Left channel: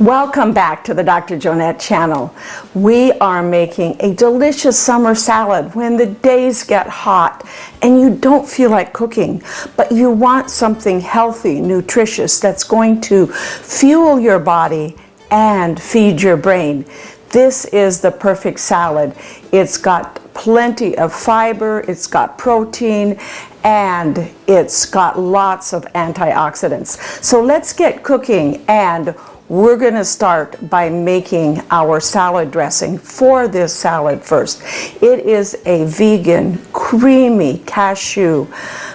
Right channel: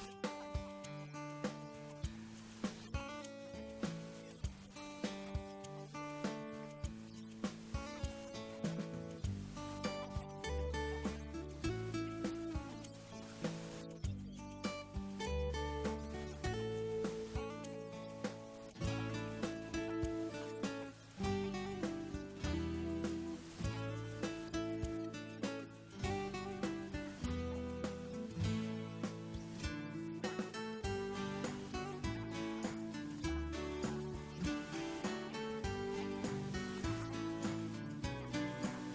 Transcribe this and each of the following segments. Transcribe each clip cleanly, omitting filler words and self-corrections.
Welcome back to the Dr. Jonette channel. We are making a delicious summer salad when the days get hot and you don't feel like cooking, but you want something healthy, nutritious, that's going to fuel your body and feed your brain. This is the perfect salad. It's got plenty of fiber, it's got protein, and it's got lots of antioxidants. So let's get cooking, and we're going to start by making our salad dressing for this salad first. It is a vegan, creamy, cashew,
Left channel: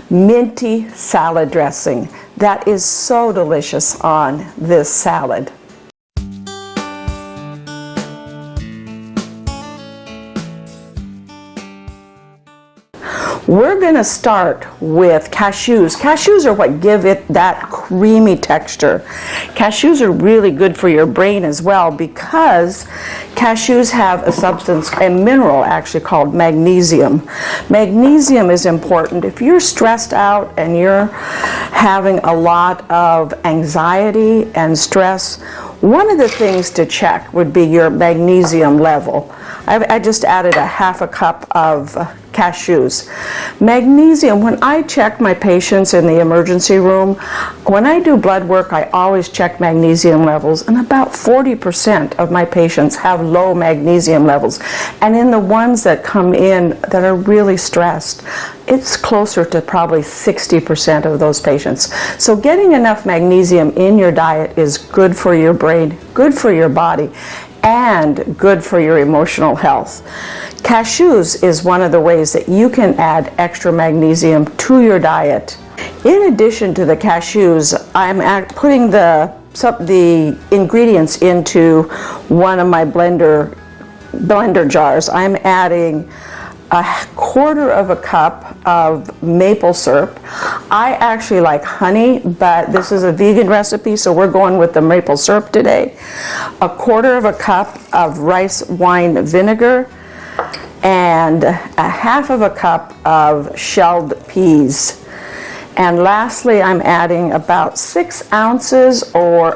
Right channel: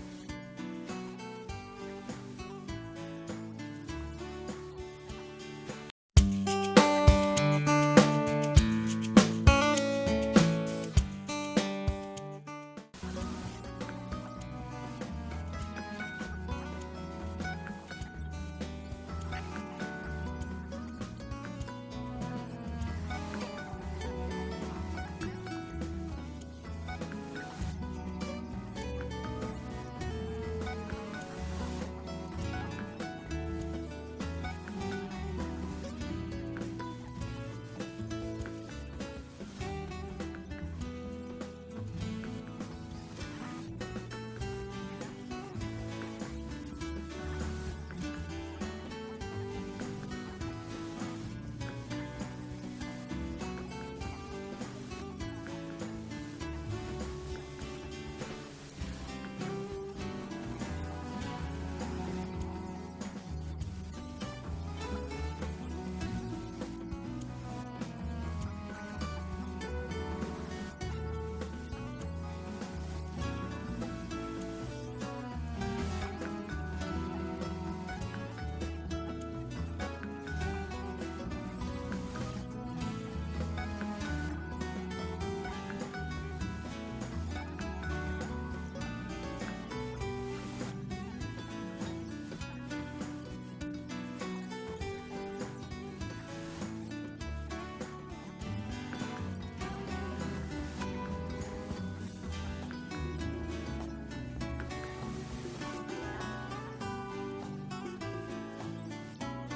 minty salad dressing that is so delicious on this salad. We're going to start with cashews. Cashews are what give it that creamy texture. Cashews are really good for your brain as well because cashews have a substance, a mineral actually called magnesium. Magnesium is important if you're stressed out and you're having a lot of anxiety and stress. One of the things to check would be your magnesium level. I just added a half a cup of cashews. Magnesium, when I check my patients in the emergency room, when I do blood work, I always check magnesium levels, and about 40% of my patients have low magnesium levels. And in the ones that come in that are really stressed, it's closer to probably 60% of those patients. So getting enough magnesium in your diet is good for your brain, good for your body, and good for your emotional health. Cashews is one of the ways that you can add extra magnesium to your diet. In addition to the cashews, I'm putting the ingredients into one of my blender jars. I'm adding a quarter of a cup of maple syrup. I actually like honey, but this is a vegan recipe, so we're going with the maple syrup today. A quarter of a cup of rice wine vinegar, and a half of a cup of shelled peas. And lastly, I'm adding about 6 ounces or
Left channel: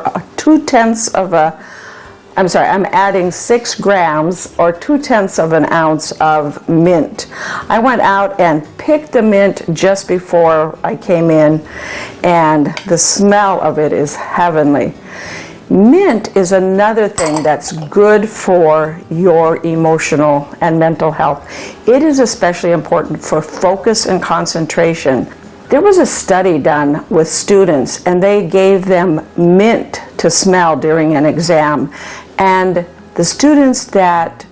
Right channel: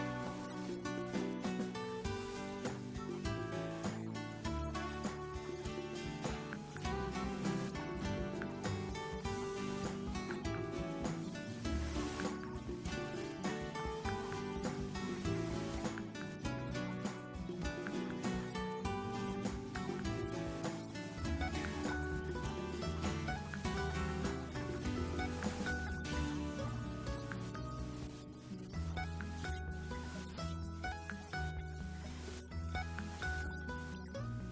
I'm adding 6 grams or 2/10 of an ounce of mint. I went out and picked the mint just before I came in, and the smell of it is heavenly. Mint is another thing that's good for your emotional and mental health. It is especially important for focus and concentration. There was a study done with students, and they gave them mint to smell during an exam. And the students that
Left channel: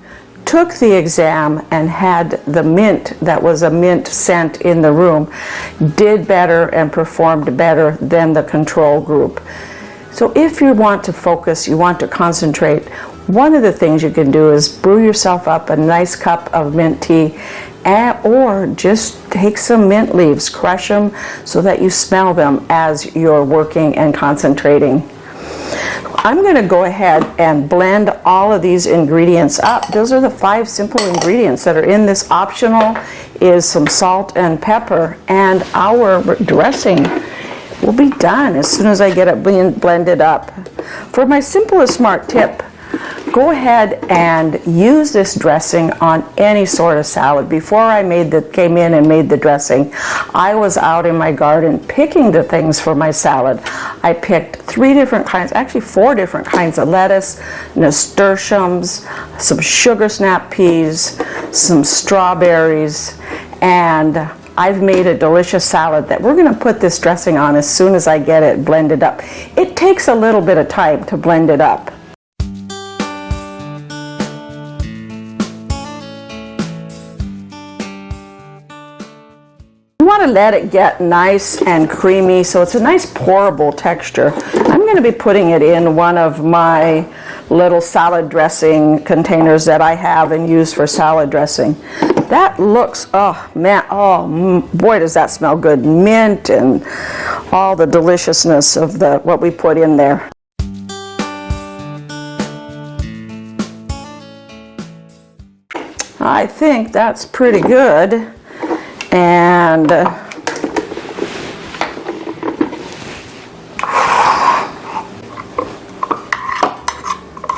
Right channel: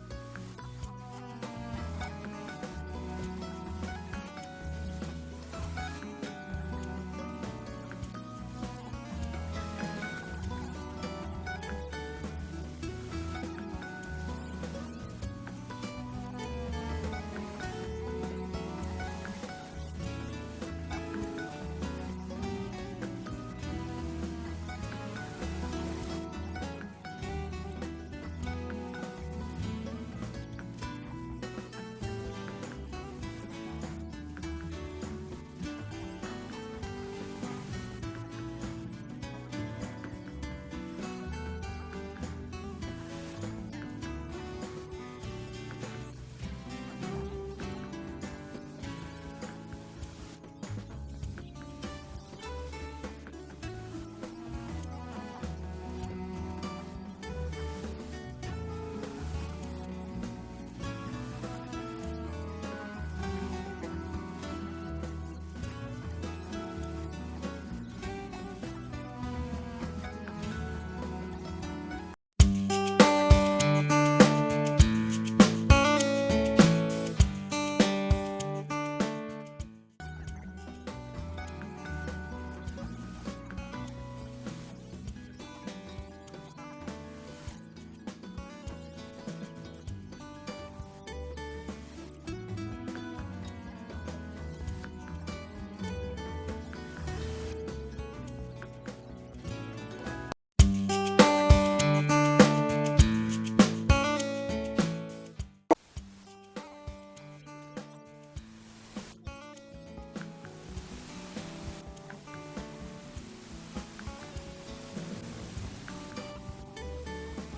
took the exam and had the mint, that was a mint scent in the room, did better and performed better than the control group. So if you want to focus, you want to concentrate, one of the things you can do is brew yourself up a nice cup of mint tea, or just take some mint leaves, crush them so that you smell them as you're working and concentrating. I'm going to go ahead and blend all of these ingredients up. Those are the 5 simple ingredients that are in this. Optional is some salt and pepper, and our dressing will be done as soon as I get it blended up. For my Simple and Smart tip, go ahead and use this dressing on any sort of salad. Before I came in and made the dressing, I was out in my garden picking the things for my salad. I picked 4 different kinds of lettuce, nasturtiums, some sugar snap peas, some strawberries, and I've made a delicious salad that we're going to put this dressing on as soon as I get it blended up. It takes a little bit of time to blend it up. You want to let it get nice and creamy, so it's a nice pourable texture. I'm going to be putting it in one of my little salad dressing containers that I have and use for salad dressing. That looks, oh man, boy does that smell good. Mint and all the deliciousness of what we put in there. I think that's pretty good. And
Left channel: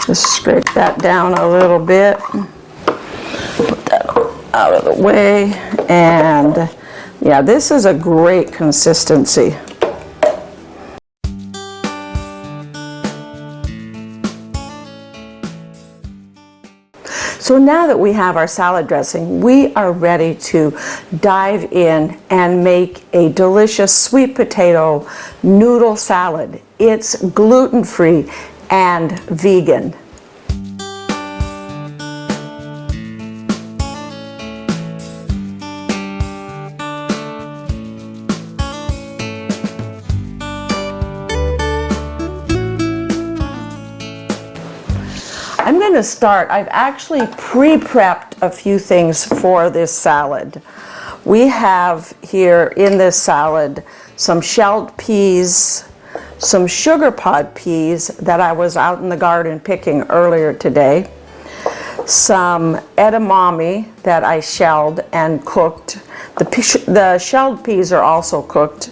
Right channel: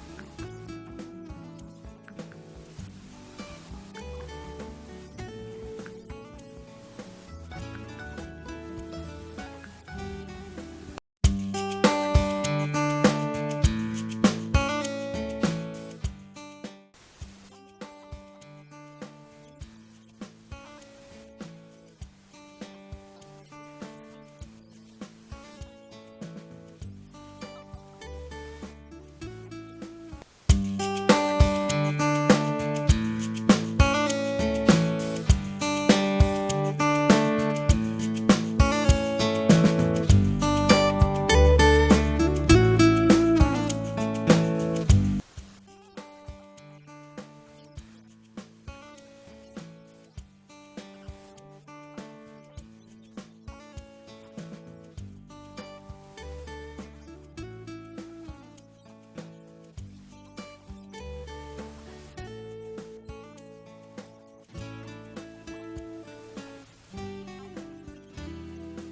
Just scrape that down a little bit. Put that out of the way. And yeah, this is a great consistency. So now that we have our salad dressing, we are ready to dive in and make a delicious sweet potato noodle salad. It's gluten-free and vegan. I'm going to start. I've actually pre-prepped a few things for this salad. We have here in this salad some shelled peas, some sugar pod peas that I was out in the garden picking earlier today, some edamame that I shelled and cooked. The shelled peas are also cooked,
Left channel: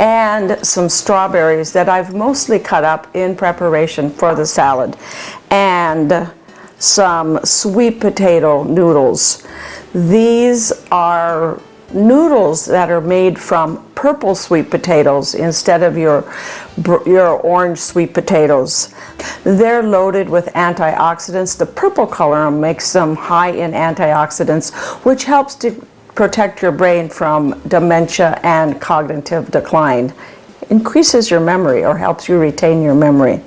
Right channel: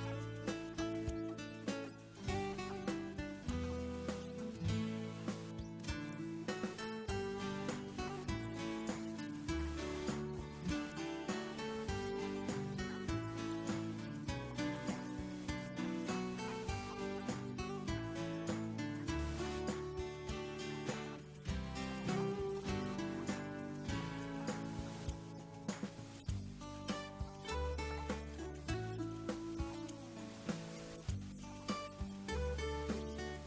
and some strawberries that I've mostly cut up in preparation for the salad, and some sweet potato noodles. These are noodles that are made from purple sweet potatoes instead of your orange sweet potatoes. They're loaded with antioxidants. The purple color makes them high in antioxidants, which helps to protect your brain from dementia and cognitive decline. Increases your memory or helps you retain your memory.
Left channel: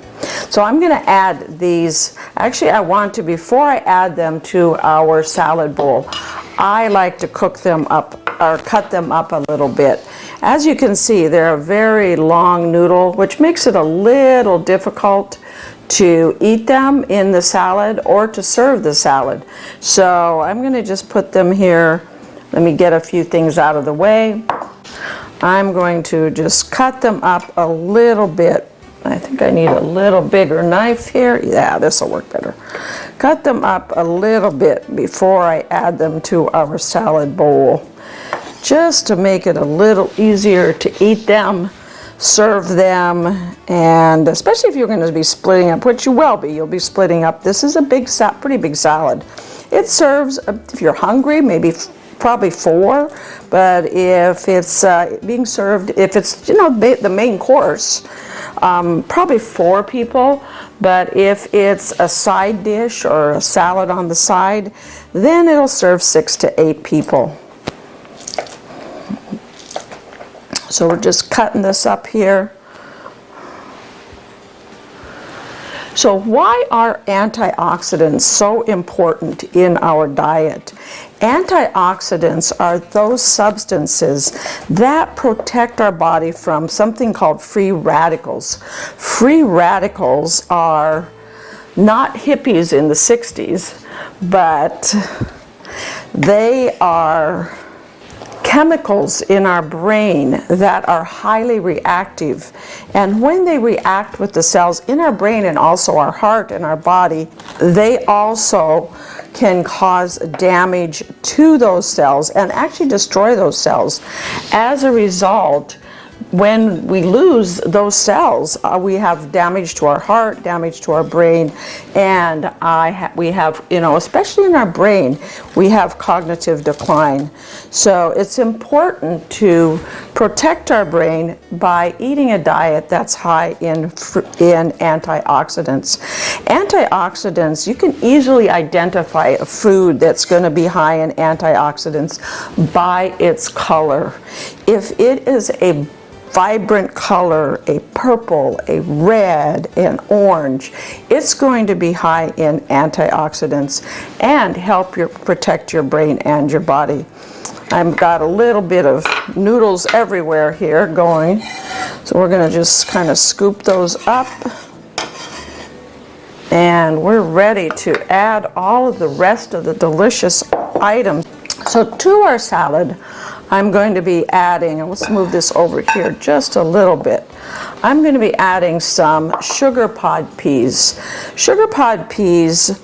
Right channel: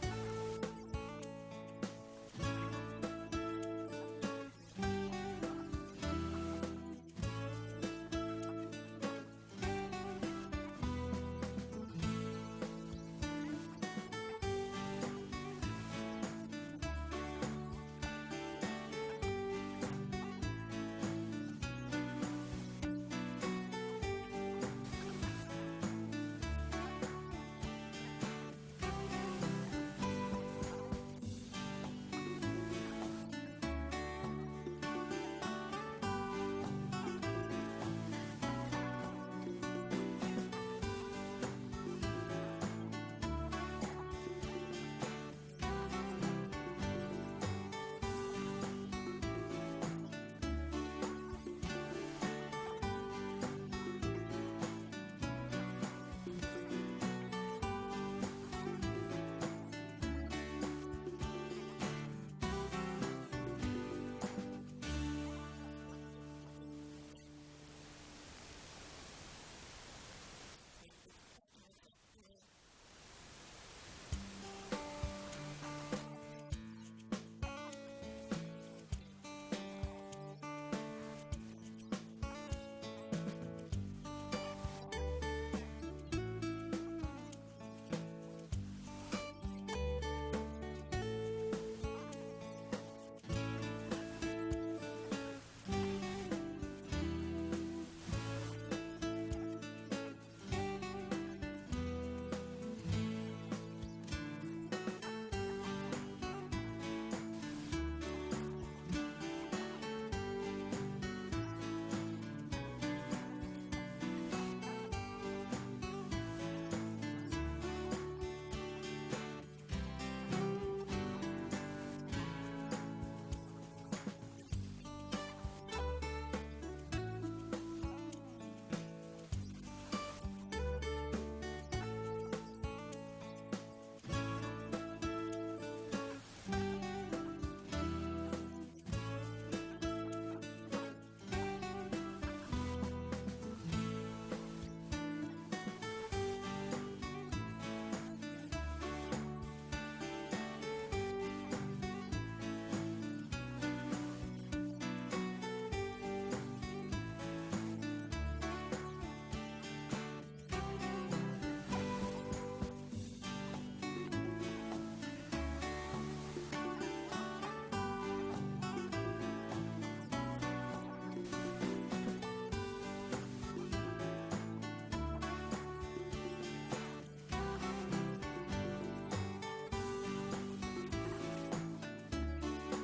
So I'm going to add these. Actually, I want to, before I add them to our salad bowl, I like to cook them up or cut them up a little bit. As you can see, they're a very long noodle, which makes it a little difficult to eat them in the salad or to serve the salad. So I'm going to just put them here. Let me get a few things out of the way. I'm going to just cut them up a little bit. I think I need a little bigger knife here. Yeah, this will work better. Cut them up a little bit before I add them to our salad bowl, just to make it a little easier to eat them, serve them, and especially if you're going to be splitting up, which you will be, you'll be splitting up. This is a pretty big salad. It serves, if you're hungry, maybe probably 4, but if it's being served, if it's the main course, probably 4 people. But if it's a side dish or a salad on the side, then it'll serve 6 to 8 people. So we're just cutting this up here. So why are antioxidants so important in our diet? Antioxidants are those substances that protect our body from something called free radicals. Free radicals are not hippies in the 60s, but they are chemicals in our brain that are highly reactive. And when they react with the cells in our brain and also our heart and our body, they also can cause damage to those cells and actually destroy those cells. As a result, when we lose those cells, we have damage to our heart, damage to our brain, and we have, especially in our brain, we have cognitive decline. So it's important to protect our brain by eating a diet that's high in antioxidants. Antioxidants, you can easily identify a food that's going to be high in antioxidants by its color. If it is a vibrant color, a purple, a red, an orange, it's going to be high in antioxidants and help protect your brain and your body. I've got a little bit of noodles everywhere here going, so we're going to just kind of scoop those up, and we're ready to add all of the rest of the delicious items. So to our salad, I'm going to be adding, and let's move this over here just a little bit. I'm going to be adding some sugar pod peas. Sugar pod peas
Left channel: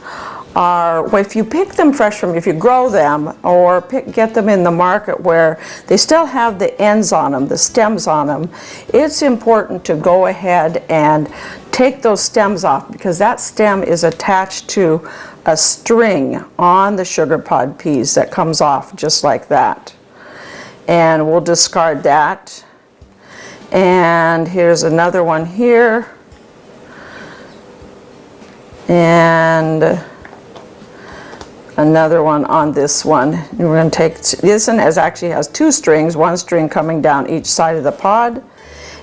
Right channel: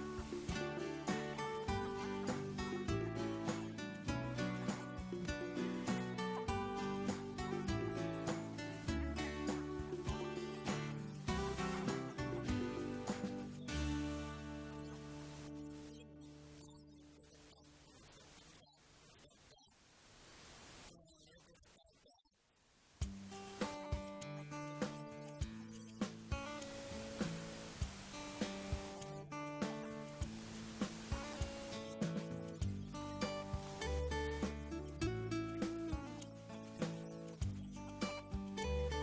are, well, if you pick them fresh from, if you grow them or get them in the market where they still have the ends on them, the stems on them, it's important to go ahead and take those stems off, because that stem is attached to a string on the sugar pod peas that comes off just like that. And we'll discard that. And here's another one here. And another one on this one. And we're going to take this one, actually has two strings, one string coming down each side of the pod.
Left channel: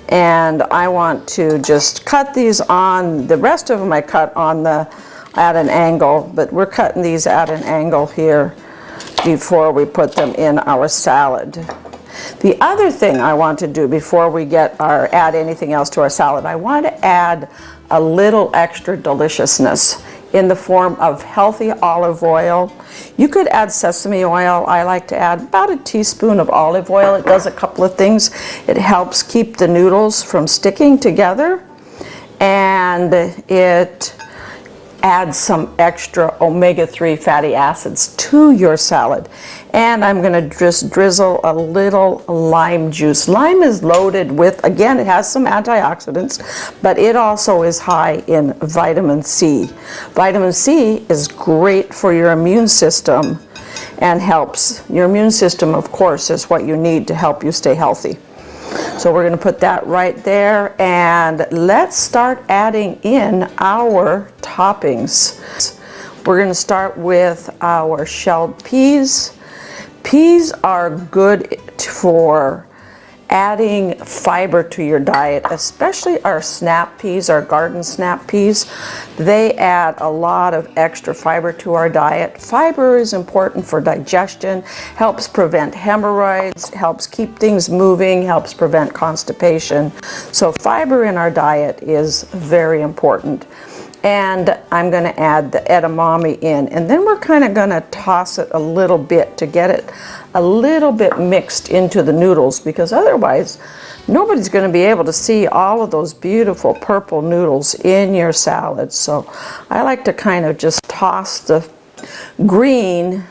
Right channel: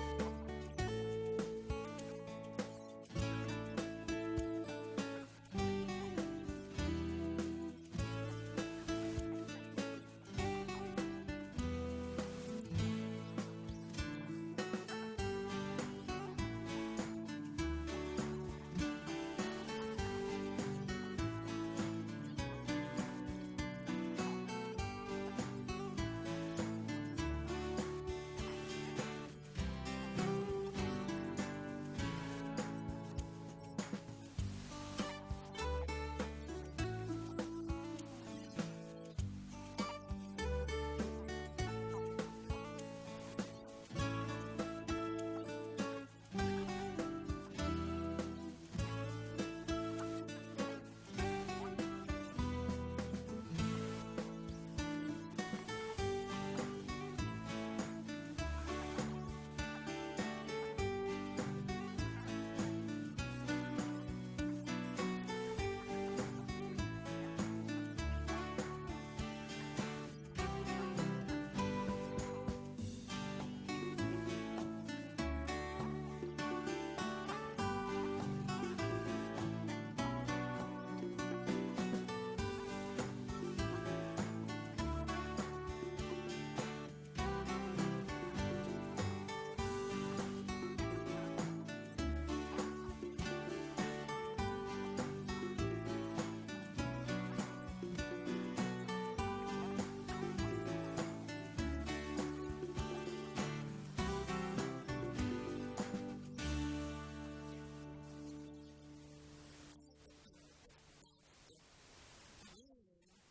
And I want to just cut these on, the rest of them I cut on at an angle, but we're cutting these at an angle here before we put them in our salad. The other thing I want to do before we add anything else to our salad, I want to add a little extra deliciousness in the form of healthy olive oil. You could add sesame oil. I like to add about a teaspoon of olive oil. It does a couple of things. It helps keep the noodles from sticking together, and it adds some extra omega-3 fatty acids to your salad. And I'm going to just drizzle a little lime juice. Lime is loaded with, again, it has some antioxidants, but it also is high in vitamin C. Vitamin C is great for your immune system and helps. Your immune system, of course, is what you need to help you stay healthy. So we're going to put that right there, and let's start adding in our toppings. We're going to start with our shelled peas. Peas are good for adding fiber to your diet, especially our snap peas, our garden snap peas. They add a lot of extra fiber to our diet. Fiber is important for digestion, helps prevent hemorrhoids, helps keep things moving, helps prevent constipation. So fiber in our diet is very important. And I'm going to add the edamame in, and then we're kind of going to toss it a little bit to get it a little bit mixed into the noodles, because otherwise nobody's going to be able to see all of those beautiful purple noodles in your salad. So I like to kind of just toss the green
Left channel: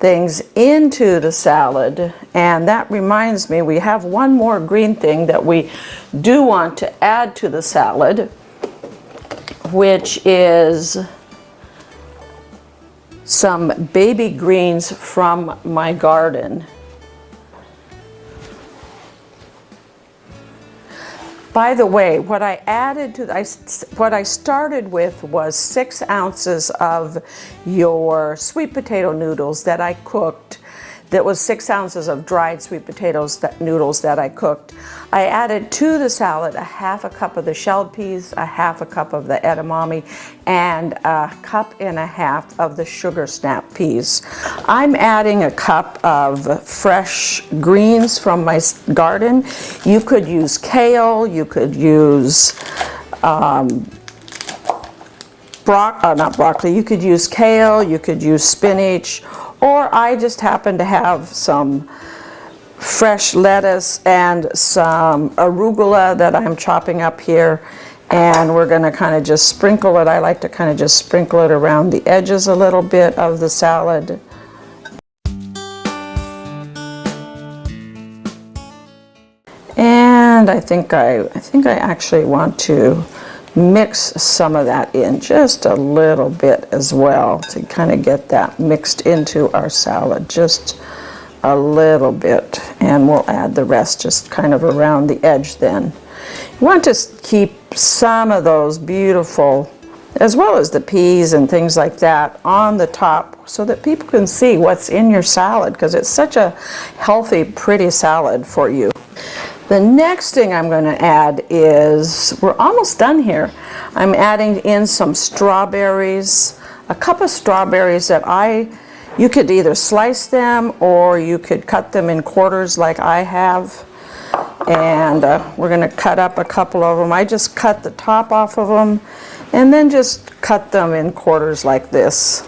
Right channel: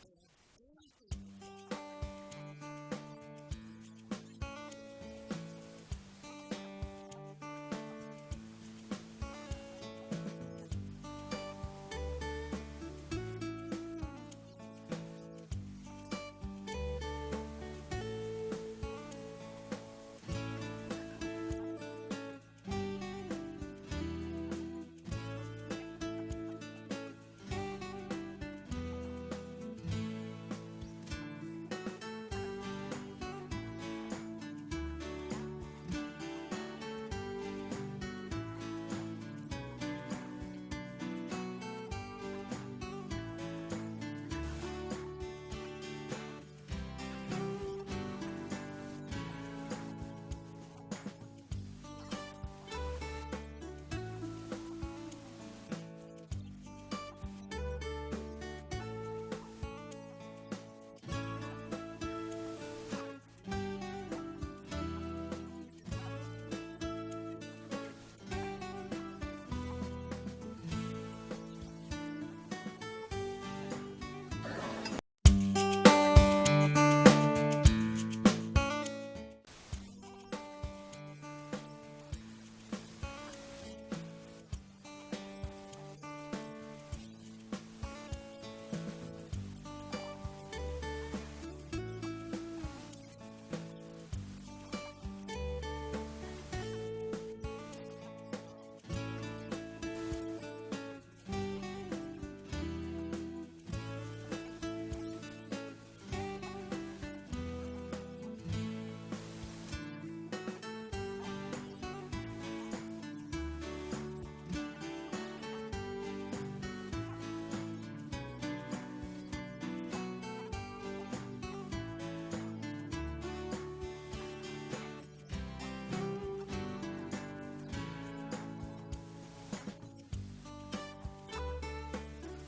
things into the salad. And that reminds me, we have one more green thing that we do want to add to the salad, which is some baby greens from my garden. By the way, what I added to what I started with was 6 ounces of your sweet potato noodles that I cooked. That was 6 ounces of dried sweet potatoes noodles that I cooked. I added to the salad a half a cup of the shelled peas, a half a cup of the edamame, and a cup and a half of the sugar snap peas. I'm adding a cup of fresh greens from my garden. You could use kale, you could use not broccoli, you could use kale, you could use spinach, or I just happen to have some fresh lettuce and some arugula that I'm chopping up here, and we're going to kind of just sprinkle it. I like to kind of just sprinkle it around the edges a little bit of the salad. And I think I actually want to mix some of that in just a little bit as well to kind of get that mixed into our salad, just a little bit, and we'll add the rest just kind of around the edge then. You want to keep some of those beautiful, as well as the peas and things like that, on the top so that people can see what's in your salad, because it's such a healthy, pretty salad for you. The next thing I'm going to add is, we're almost done here. I'm adding in some strawberries, a cup of strawberries that you could either slice them or you could cut them in quarters like I have. And we're going to cut up a couple of them. I just cut the top off of them and then just cut them in quarters like this.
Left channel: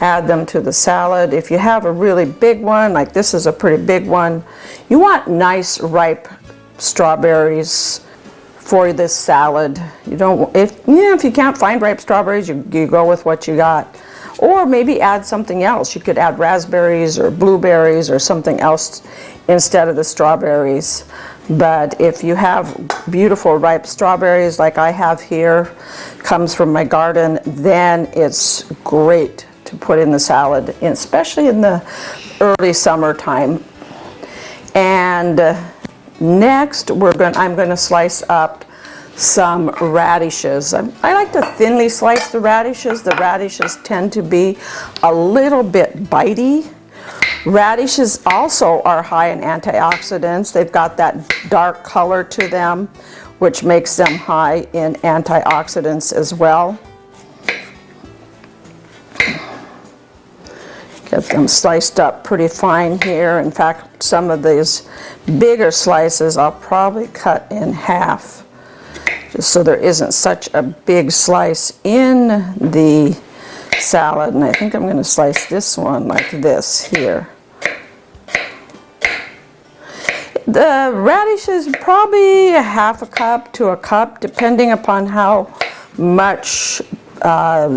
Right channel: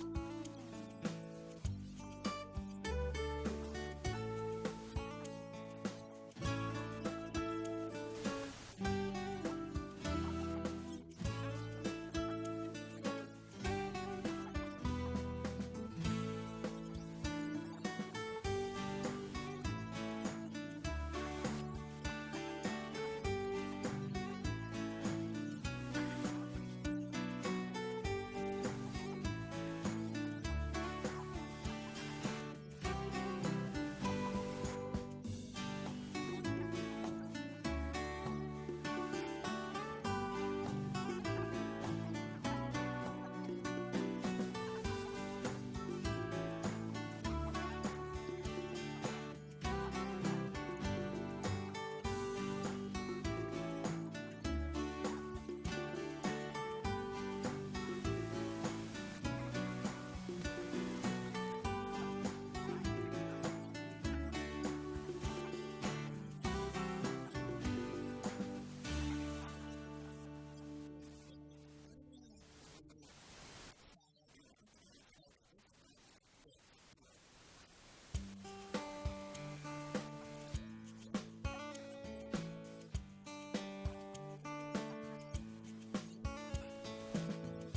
Add them to the salad. If you have a really big one, like this is a pretty big one, you want nice ripe strawberries for this salad. You don't, if you can't find ripe strawberries, you go with what you got. Or maybe add something else. You could add raspberries or blueberries or something else instead of the strawberries. But if you have beautiful ripe strawberries like I have here, comes from my garden, then it's great to put in the salad, especially in the early summertime. And next I'm going to slice up some radishes. I like to thinly slice the radishes. The radishes tend to be a little bit bitey. Radishes also are high in antioxidants. They've got that dark color to them, which makes them high in antioxidants as well. Get them sliced up pretty fine here. In fact, some of these bigger slices I'll probably cut in half, just so there isn't such a big slice in the salad. And I think I'm going to slice this one like this here. The radishes, probably a half a cup to a cup, depending upon how much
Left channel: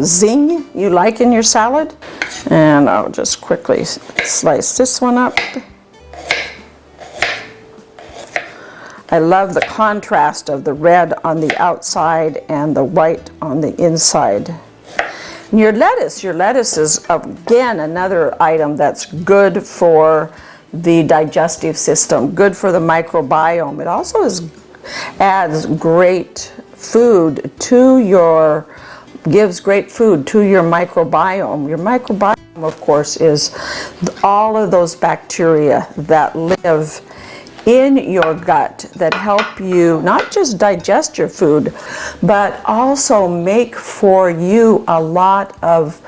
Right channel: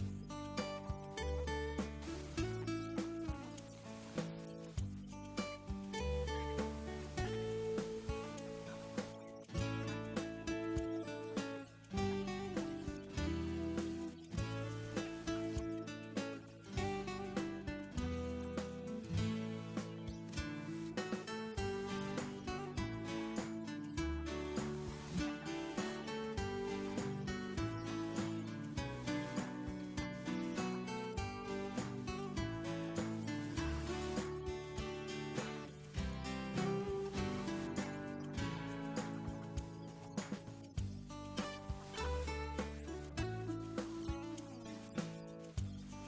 zing you like in your salad. And I'll just quickly slice this one up. I love the contrast of the red on the outside and the white on the inside. And your lettuce is, again, another item that's good for the digestive system, good for the microbiome. It also adds great food to your, gives great food to your microbiome. Your microbiome, of course, is all of those bacteria that live in your gut that help you not just digest your food, but also make for you a lot of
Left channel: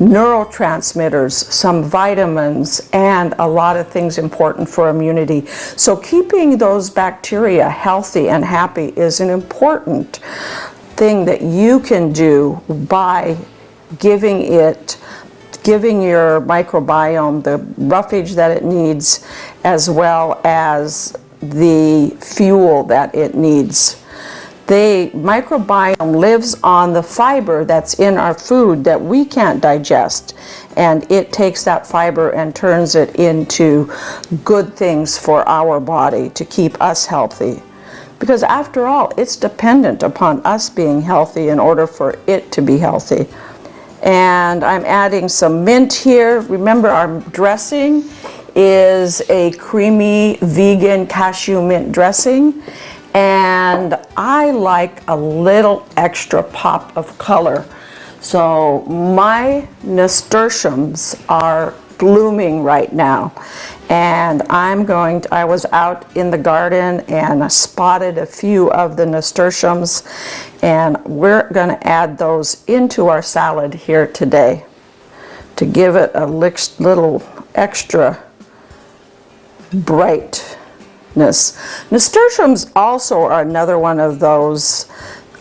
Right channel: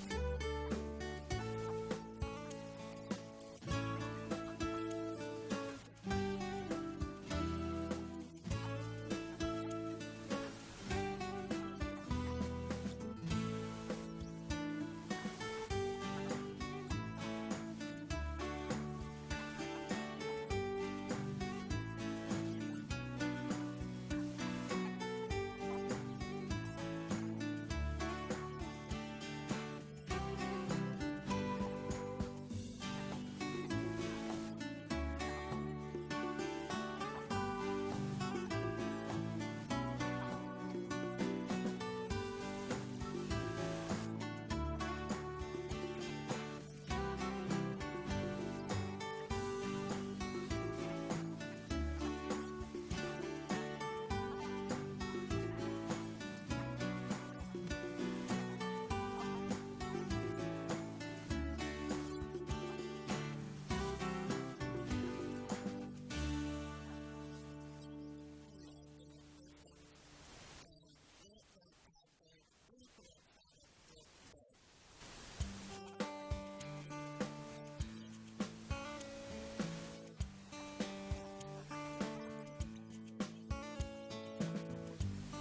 neurotransmitters, some vitamins, and a lot of things important for immunity. So keeping those bacteria healthy and happy is an important thing that you can do by giving your microbiome the roughage that it needs, as well as the fuel that it needs. The microbiome lives on the fiber that's in our food that we can't digest, and it takes that fiber and turns it into good things for our body to keep us healthy. Because after all, it's dependent upon us being healthy in order for it to be healthy. And I'm adding some mint here. Remember, our dressing is a creamy vegan cashew mint dressing. And I like a little extra pop of color. So my nasturtiums are blooming right now. And I was out in the garden and I spotted a few of the nasturtiums, and we're going to add those into our salad here today to give it a little extra brightness. Nasturtiums also are another one of those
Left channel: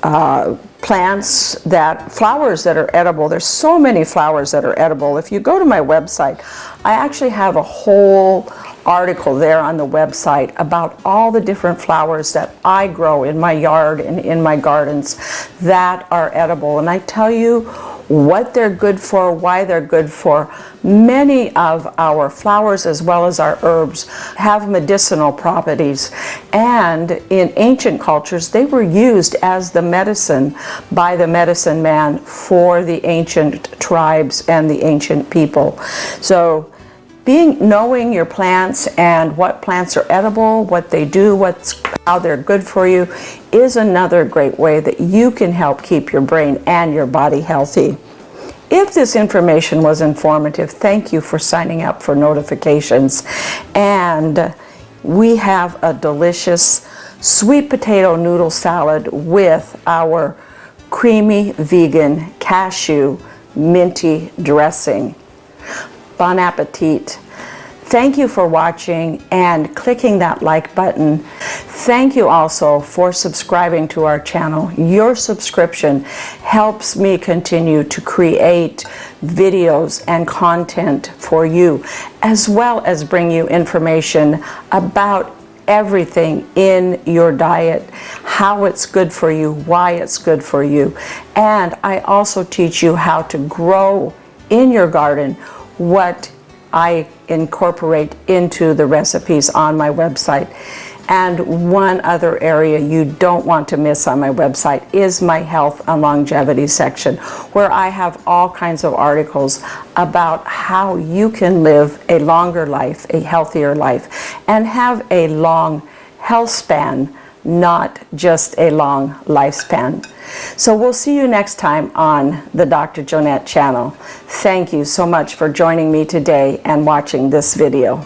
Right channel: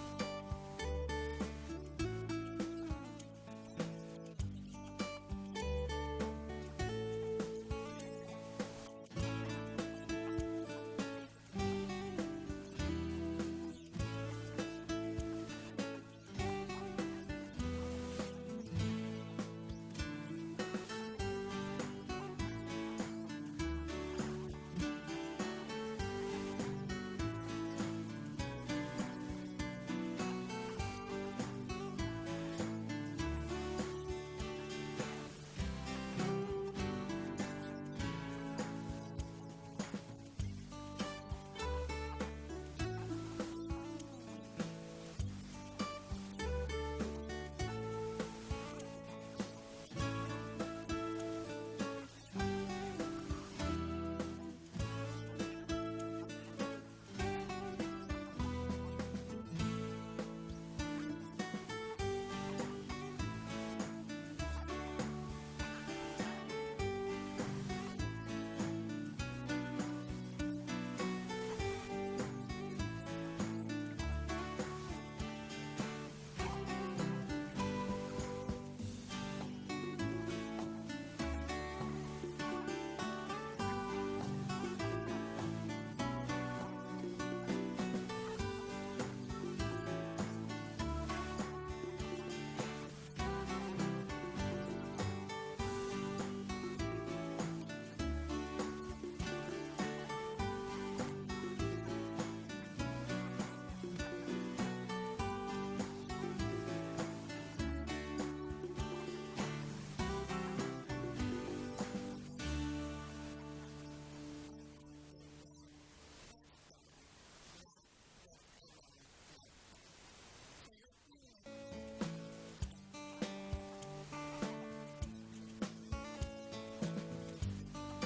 flowers that are edible. There's so many flowers that are edible. If you go to my website, I actually have a whole article there on the website about all the different flowers that I grow in my yard and in my gardens that are edible. And I tell you what they're good for, why they're good for. Many of our flowers as well as our herbs have medicinal properties, and in ancient cultures they were used as the medicine by the medicine man for the ancient tribes and the ancient people. So knowing your plants and what plants are edible, what they do, how they're good for you, is another great way that you can help keep your brain and your body healthy. If this information was informative, thank you for signing up for notifications. And we have a delicious sweet potato noodle salad with our creamy vegan cashew minty dressing. Bon appetit. Thank you for watching and clicking that like button. Thank you also for subscribing to our channel. Your subscription helps me continue to create videos and content for you, as well as bring you information about everything in your diet, how it's good for you, why it's good for you. And I also teach you how to grow in your garden what I incorporate into the recipes on my website. And one other area you don't want to miss on my website is my health and longevity section, where I have all kinds of articles about how you can live a longer life, a healthier life, and have a long health span, not just a long lifespan. So we'll see you next time on the Dr. Jonette channel. Thank you so much for joining me today and watching this video.